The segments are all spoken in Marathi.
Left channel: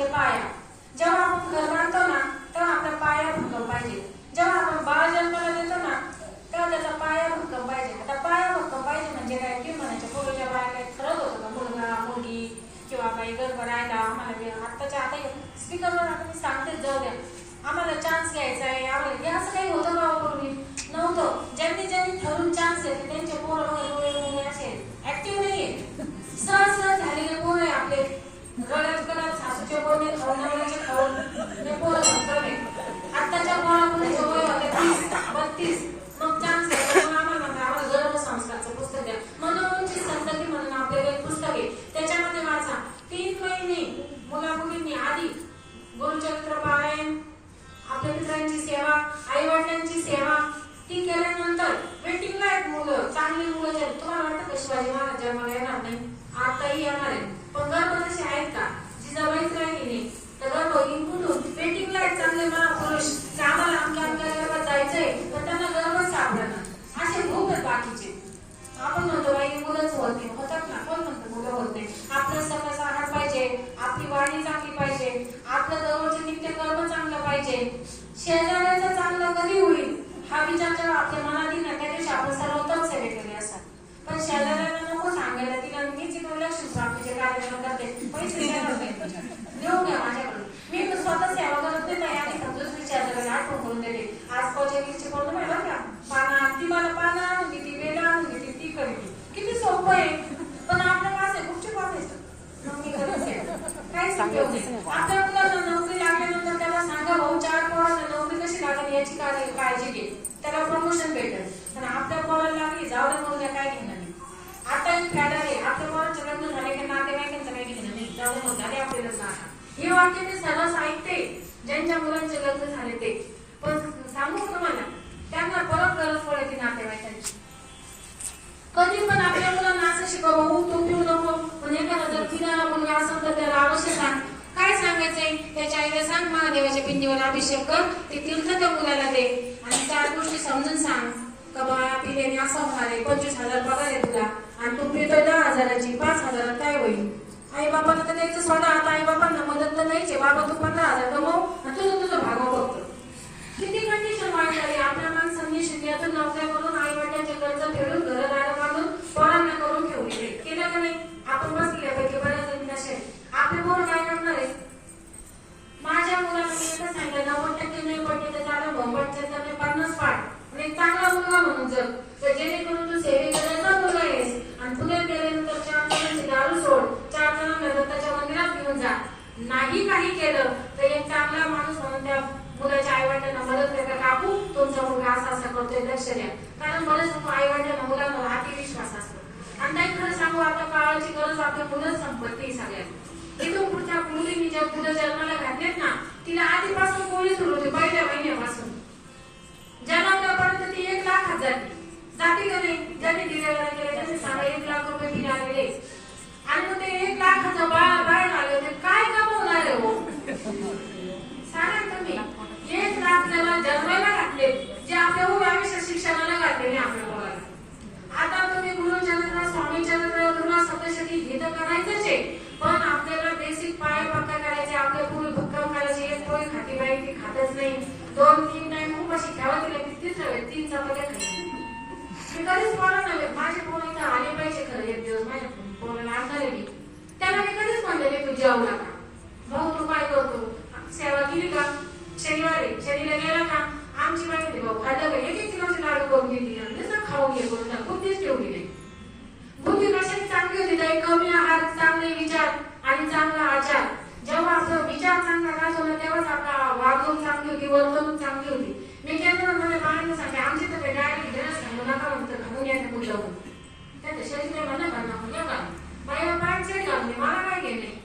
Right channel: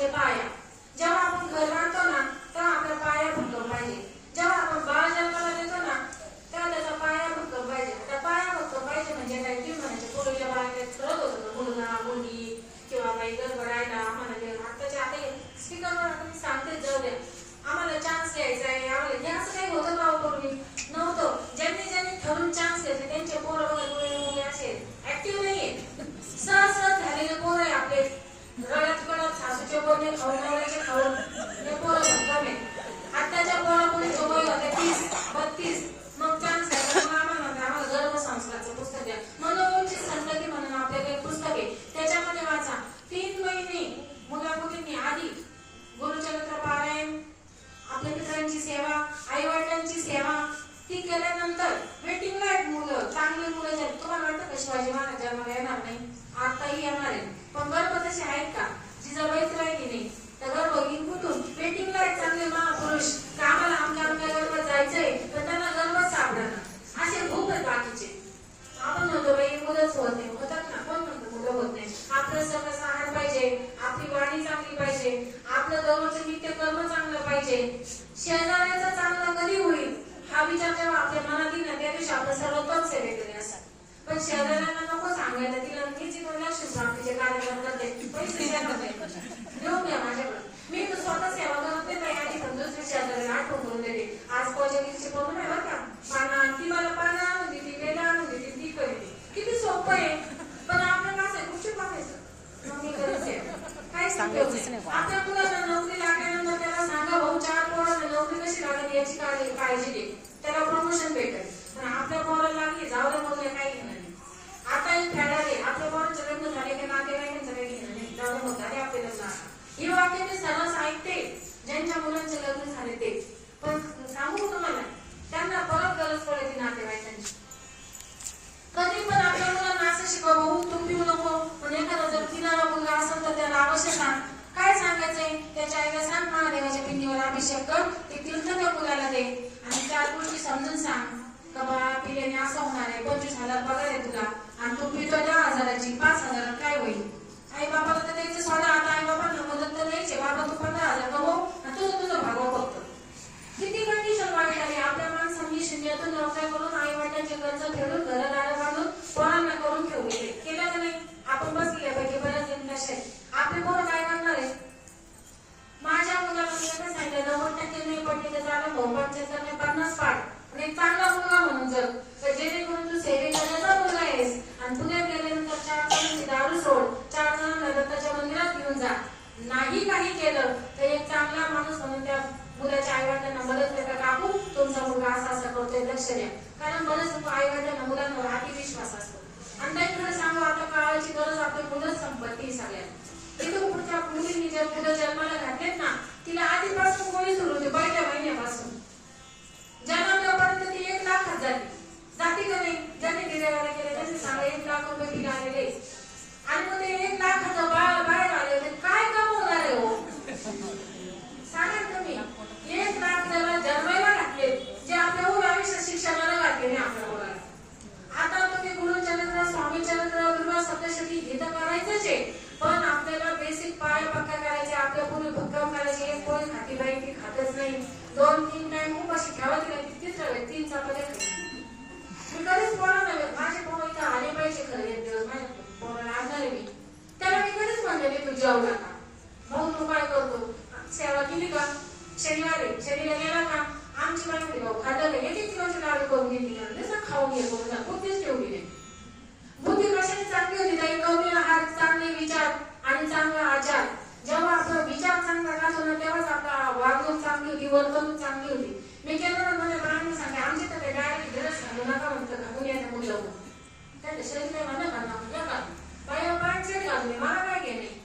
म्हणजे पाया. जेव्हा आपण घर बांधतो ना तेव्हा आपल्या पाया भक्कम पाहिजे. जेव्हा आपण बाळ जन्माला देतो ना तेव्हा त्याचा पाया भक्कम पाहिजे. आता पाया भक्कम पाहिजे म्हणजे काय की म्हणायचे पूर्वीच्या बाळाला ठरत होतं मुलगा मुलगी किंवा काही गडबड राहिला आम्हाला आत्ताच्या आता स्पीकरवर आपण सांगते जाऊ द्या आम्हाला चान्स घ्यायचा आहे आम्हाला हे असं काही होतं का पूर्वी नव्हतं. ज्यांनी ज्यांनी ठरून चान्स घेतले त्यांचे पोरं वगैरे असे ऍक्टिव्ह नाहीये. सहज झालेले पोरं आहे आपले रडत कडत सासूचे बोलणे खाऊन नवऱ्याचे खाऊन हे पोरं भक्कम आहे. आत्ताच्या पोरांचे वय होते 30-32 मग चान्स घ्यायचा आम्हाला गर्भसंस्कारचं पुस्तक द्या. मनोरंजन संतती म्हणून आपल्याला एक पुस्तक आहे त्याच्यामध्ये वाचा 3 महिने मुला मुलींनी आधी गुरुचरित्र पारायण आपल्या मित्रांची सेवा आई वडिलांची सेवा ती केल्यानंतर वेटिंगला आहेत मुलं चांगली मुलं आहेत. तुम्हाला वाटतं का शिवाजी महाराज जन्माला येणार नाही आताही येणार आहे पण गर्भ तसे आहेत का जिजाबाईच नाही गेली तर गर्भ कुठून वेटिंगला आहेत चांगले महापुरुष की आम्हाला आमच्या गर्भात जायचंय तर त्यांना गर्भच सापडणार असे खूप आहेत बाकीचे. आपण म्हणतो बाई मुलंच होत नाही होतात ना कोण म्हणतो मुलं होत नाही. आपलं सकस आहार पाहिजे आपली वाणी चांगली पाहिजे आपलं दररोज नित्य कर्म चांगलं पाहिजे. शेजाऱ्याचं चांगलं कधी होईल हा विचार जेव्हा आपल्या मनात येईल ना त्या दिवशी आपण सर्वोत्तम सेवेकरी असतात. पण शेजाऱ्याला नको सांगायला तिला मीच इकडे लक्ष प्राप्तीचे कार्यक्रम करते पैसे घेऊन घ्या माझ्याकडे मी स्वतः सेवा करत नाही आणि दुसरी शेजाऱ्याला आठवण करून देते आज कोजागिरीची बोलू नाही बरं का पाना ती मला पानं आणून देते वेला आणून देते ती करते किती सोपं आहे. पण आपलं कसं आहे गुपचूप वाचायचं काय सांगायचं आपल्या मुलांना नोकरी लागल्यानंतर त्याला सांगा भाऊ 4 पोरांना नोकरी कशी लागेल याची काळजी घे त्याला प्रमोशन भेटेल. पण आपल्या पोराला लागली जाऊ दे मुलं काय घेणार नाही. आता एक फॅडर आहे आपल्या पोरांचे लग्न झाले की नातेवाईकांचं काही घेणं नाही जाऊ दे झाले आपले लग्न आता ही वाक्य मी सर्वच ऐकते ज्यांच्या मुलांचे लग्न झाले ते. पण सांगू तुम्हाला त्यांना परत गरज पडते नातेवाईकांची. कधी पण आपल्या मुलांना असं शिकव भाऊ तू पिऊ नको म्हणजे एखादा जर पिणारा मुलगा असेल तर त्याला अवश्य सांग काय सांगायचंय त्याच्या आईला सांग महादेवाच्या पिंडीवर अभिषेक कर ते तीर्थ त्या मुलाला दे आणि 4 गोष्टी समजून सांग का बाळा पिल्याने असं होणार आहे 25,000 पगार आहे तुला आणि तू पितोय 10,000ची 5,000 काय होईल. आई बापाला तर द्यायचं सोडा आता आई बापांना मदत तर नाहीच आहे बाबा तू 15,000 कमव आणि तुझं भागव बघतो. किती कंडिशन वाईट झाली आपल्या माणसांनी शून्यातून नोकऱ्या करून आई वडिलांचे कर्ज फेडून घरदार बांधून पोरांना करून ठेवले केलं का नाही. आपण बसल्यापैकी बऱ्याच जणी असे आपले पोरं काय करणार आहे. माझ्या मुलाला मी एकच सांगितलं 90% नाही पडले तर चालू भोंबाटचे तर 50 पाठ एक चांगला मुलगा म्हणून जग तर जेणेकरून तू सेवे करायचा मुलगा आहेस आणि पुण्यात गेल्यानंतर 4 जणांची दारू सोड 4 जणांना दत्ताच्या मंदिरात घेऊन जा नाही काही केलं तर एक चांगला माणूस म्हणून त्या मुलाच्या आई वडिलांना मदत करता काकू तुमचा मुलगा असा असा करतोय लक्ष द्या. कारण बरेच आई वडिलांना मुलांवर अतिविश्वास असतो आणि नाही खरं सांगू आपल्या काळाची गरज आपल्या मुलंच संपत्ती सगळ्यात. इथून पुढच्या मुलींनी ज्या मुलं जन्माला घातलेत ना तिला आधीपासून कोणी सुरू होते पहिल्या महिन्यापासून जन्मल्यापर्यंत ती 1 लाखात जाते का नाही. ज्यांनी डिलिव्हरी केलं त्यांनी सांगा 1 लाख रुपये बिल आलेले आणि मग ते 1 लाखाचं बाहेर आले होते काय कमवणार आहे हो सांगा तुम्ही. 1 लाख जरा जन्माला घातले जे आपल्या आयुष्य शिक्षणाला घातले नाही आपल्या मुलाला. आता तुम्ही गुरुचरित्र स्वामी चरित्र दुर्वा सप्तशती हे तर करायचंच आहे पण आपल्याला बेसिक पाया पक्का करायचे आपल्या पूर्वी भक्कम करायचे. एक पोळी खाती बाई ती खातच नाही 2-3 टाइम उपाशी खावा तिला कितीच ठेवाय 3 चपात्या खायची मी कधीच बोलणार नाही. माझे पोरं इथं आले पाहिजे खरं एक दिवस माझ्या पोराला आणणार आहे मी त्याला मी कधीच म्हणले तू जेवला का भाऊ तू काय करतो सेवा केली का शनिवारी गेला का आमची बाई भाऊ खाल्लं का 1-1 किलोची लाडू करून दिली जसं खाऊन घे बोलला बुद्धीच ठेवली नाही. बुद्धी कशाने चांगली होती ताई कमी आहार चांगले विचार आणि चांगला आचार. जेव्हा आपला विचार चांगला राहतो ना तेव्हाच आपला वागणूक चांगली होती वर्तणूक चांगली होती. मी केलं ना माझ्या बाळांना सांगते आमच्या तर डायरेक्ट घरच घालू नका म्हणतं घालून यायचं मुलं त्या शरीर म्हणा का का बाया पाठ चेक घालून मला काय घेणे.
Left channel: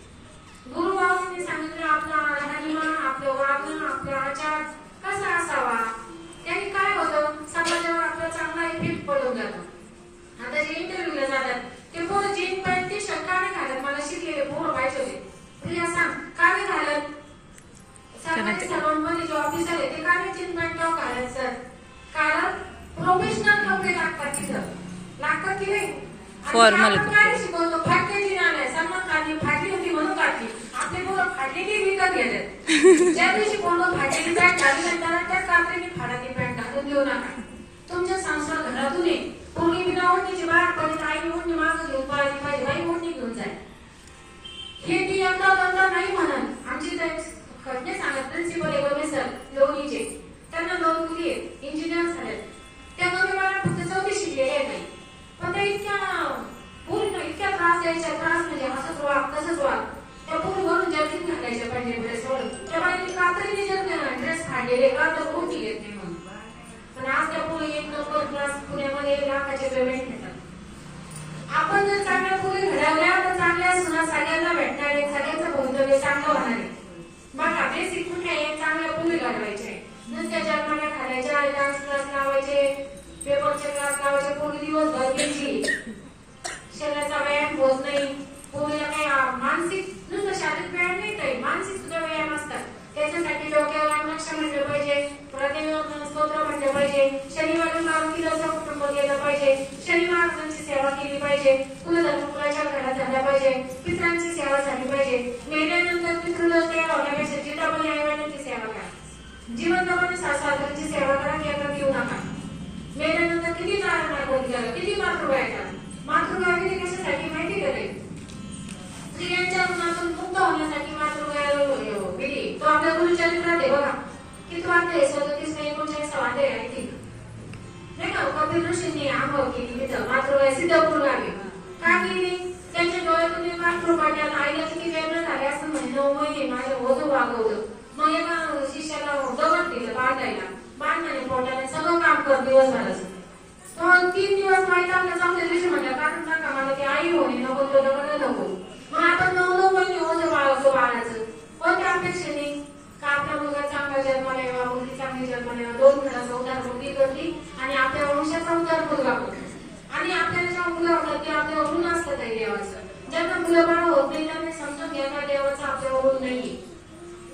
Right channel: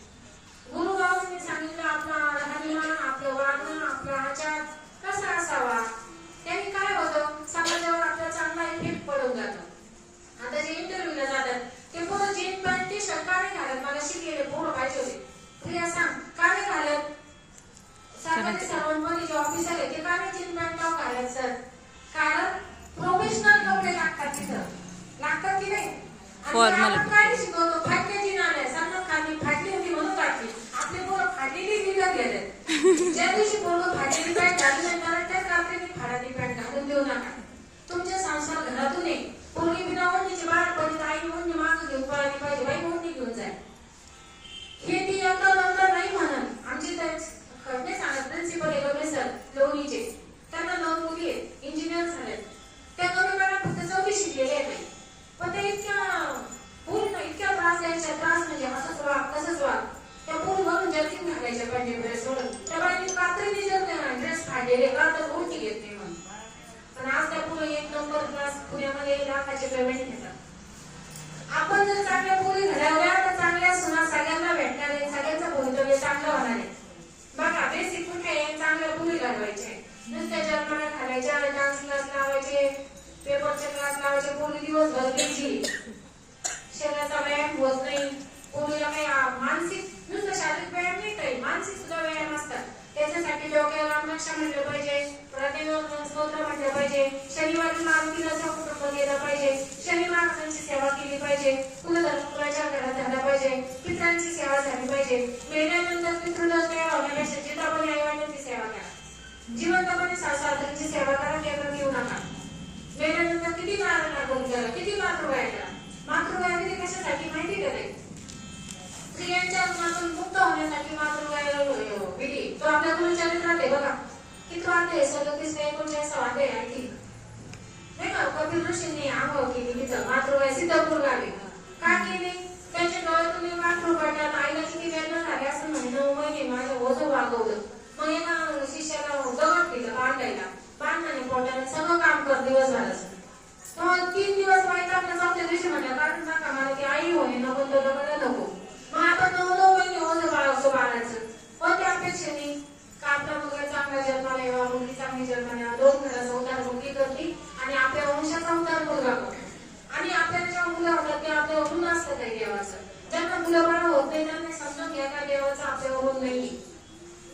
गुरुबाबांनी सांगितलं आपला राहणीमान आपलं वागणं आपला आचार कसा असावा त्यांनी काय होतं समाजावर आपला चांगला इफेक्ट पडून जातो. आता जे इंटरव्ह्यूला जातात ते पोरं जीन पॅन्ट टी शर्ट का नाही घालत मला शिकलेले पोरं पाहिजे होते प्रिया सांग का नाही घालत. सरकारी सर्वांमध्ये जे ऑफिसर आहे ते का नाही जीन पॅन्ट टॉप घालत सर कारण प्रोफेशनल कपडे लागतात तिथं लागतात की नाही. फॉर्मल काय शिकवतो फाटलेली नाणे सलमान खानने फाटली होती म्हणून काढली आपली पोरं फाटलेली ज्या दिवशी पोरगं फाटलेली पॅन्ट घालून त्याला त्याच रात्रीने फाटलेली पॅन्ट घालून देऊ नका. तुमच्या संसार घरातून ये. पोरगी बिना ओढणीची बाहेर आई ओढणी मागं घेऊन पळाली पाहिजे, बाई ओढणी घेऊन जाय. हे ती यंदा नंतर नाही म्हणत. आमची खडणे सांगत प्रिन्सिपल एवढे सर लोणीचे, त्यांना 9 मुली आहेत, इंजिनियर झाले. त्या नवी मला फक्त 4वी शिकलेले नाही, पण त्या इतक्या त्रास द्यायच्या. त्रास म्हणजे असंच वाग तसंच वाग. त्या पोरीवरून जर्किंग घालायच्या पाहिजे सोडून. त्या बाईने कात्रीने जर ड्रेस फाडलेले का तर कोणती येत नाही म्हणून. पण आज त्या पोरी 1 नंबर क्लास पुण्यामध्ये लाखाचे पेमेंट घेतात. आपण जर चांगल्या पोरी घडवल्या तर चांगल्या सुना सगळ्यांना भेटणार आहे, सगळ्यांचं भवितव्य चांगलं होणार आहे. बघा बेसिक कुठे आहे, चांगल्या पोरी घडवायचे. नुसत्या जन्माला घालायच्या, डान्स क्लास लावायचे, पेपरचे क्लास लावायचे. पोरी दिवसभर बिझी, शरीराचा व्यायाम होत नाही. पोरीला काही मानसिक नुसतं शारीरिक व्यायाम नाही, काही मानसिक सुद्धा व्यायाम असतात. त्याच्यासाठी डोक्यावर रामरक्षा म्हणलं पाहिजे, प्रतिनियम स्तोत्र म्हणलं पाहिजे, शनिवारी मारुतीला कुटुंब गेलं पाहिजे, शनिवारांची सेवा केली पाहिजे, कुलधर्म कुलाच्या घरात झाल्या पाहिजे, पितरांची सेवा झाली पाहिजे. मेल्यानंतर पितृदोष तयार होण्यापेक्षा जितापणी आईवडिलांची सेवा करा. जीवनामध्ये सासरची सेवा करा, केंद्रात येऊ नका. मेल्यानंतर किती मारणागोळी करा, किती मातृगाय करा. मातृगाय किती कशासाठी माहिती करे? स्त्रियांच्या गुणातून मुक्त होण्यासाठी मातृगाय विधी. तो आपल्या गुरुचरित्रात आहे बघा. किती वाटते 37 ते 39 वाटे आहे की नाही का? कपिल ऋषींनी आंघोळ केली तिथं मातृगाय सिद्धपूर गावी. का केली? त्यांच्या डोळ्यातून एक अश्रू पडल्यानं आईला किती वेदना झाली असं म्हणजे 9 महिने माझं ओझं वागवलं. मग एका शिष्याला दगड दिलं बांधायला, बांधण्याने पोटाने सगळं काम कर दिवसभराचं. मग 3 दिवस माहिती आपल्या 4थ्या दिवशी म्हणलं कारण नका मला ती आई होणे नको, तो दगड नको. मग आपण 9 महिने ओझं बाळगतो बाळाचं. कोणत्या अपेक्षेने? का आपला मुलगा चांगला जन्माला यावा, मुलगी चांगली जन्माला यावा, 2 घराचा उद्धार मोठी करली आणि आपल्या वंशाचा उद्धार मुलगा होतो. आणि आपल्याला जेव्हा मुलं होतात ते आपल्यावर ऋण असतं काही देवाचं. ज्यांना मुलं बाळ होत नाही त्यांना समजून घ्या का देवाचं आपल्यावर ऋण नाही.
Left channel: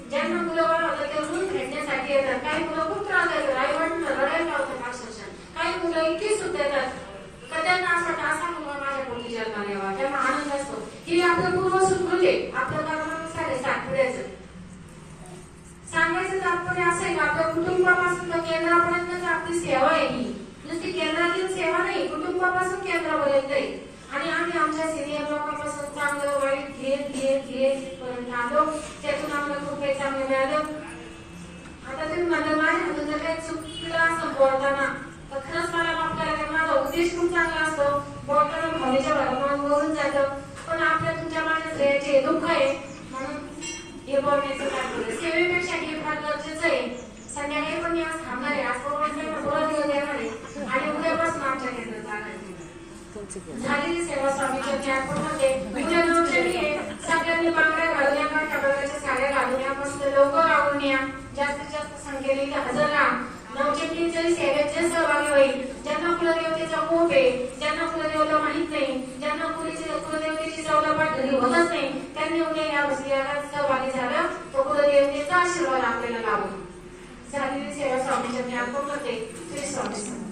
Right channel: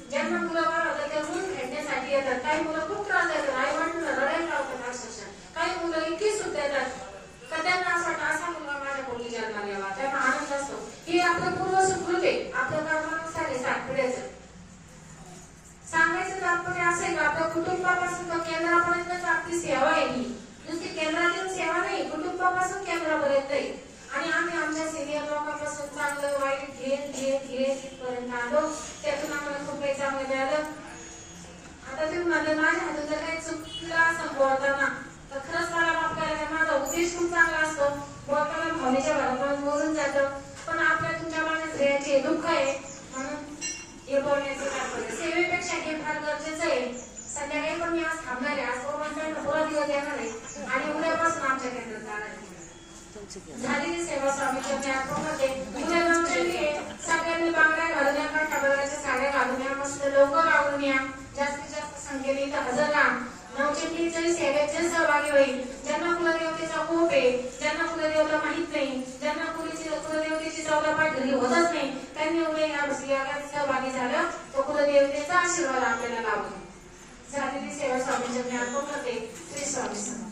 ज्यांना मुलं बाळ होतं ते ऋण फेडण्यासाठी येतात. काही मुलं खूप त्रास देतात, आई वडील रडायला लावतात अक्षरशः. काही मुलं इतकी सुद्धा येतात का त्यांना असं वाटतं असा मुलगा माझ्या पोटी जन्माला यावा, त्यांना आनंद असतो. हे आपलं पूर्व सुकृत आहे, आपल्या कर्मानुसार आहे साठवड्याचं. सांगायचं तात्पर्य असं आहे का आपल्या कुटुंबापासून केंद्रापर्यंत आपली सेवा आहे. ही नुसती केंद्रातील सेवा नाही, कुटुंबापासून केंद्रापर्यंत आहे. आणि आम्ही आमच्या सिनियर लोकांपासून चांगलं वाईट घेत पर्यंत आलो. त्यातून आम्हाला खूप काही चांगलं मिळालं. आता तुम्ही माझ्या हातून जर काही चुकलं असं बोलताना तर खरंच मला माफ करा. माझा उद्देश खूप चांगला असतो. बोलताना भावनेच्या भरात बोलून जातं. पण आपल्या तुमच्या माझ्या श्रेयाचे दुःख आहे म्हणून हे बोलण्याचं तात्पर्य. सेवेपेक्षा हे फार गरजेचं आहे. संध्याकाळी पण मी आज थांबणार आहे. आज थोडा दिवस येणार आहे आणि उद्यापासून आमच्या केंद्रात जाणार आहे. झालेली सेवा स्वामीच्या ज्ञापनामध्ये उद्या नवचंडी सगळ्यांनी बांगड्या घालून या, काठाबराच्या साड्या घालून या, मस्त लवकर आवडून या, जास्तीत जास्त संख्येने हजर राहा. नवचंडीच्याही सेवेत जे सहभागी होईल, ज्यांना कुलदेवतेचा कोप आहे, ज्यांना कुलदेवता माहित नाही, ज्यांना कुलदेवतेची 14 पाठ घरी होतच नाही, त्यांनी उद्या या सहभागी झाला तो कुलदेवतेचा आशीर्वाद आपल्याला लाभेल. झालेली सेवा स्वामीच्या ज्ञापनामध्ये श्री स्वामी.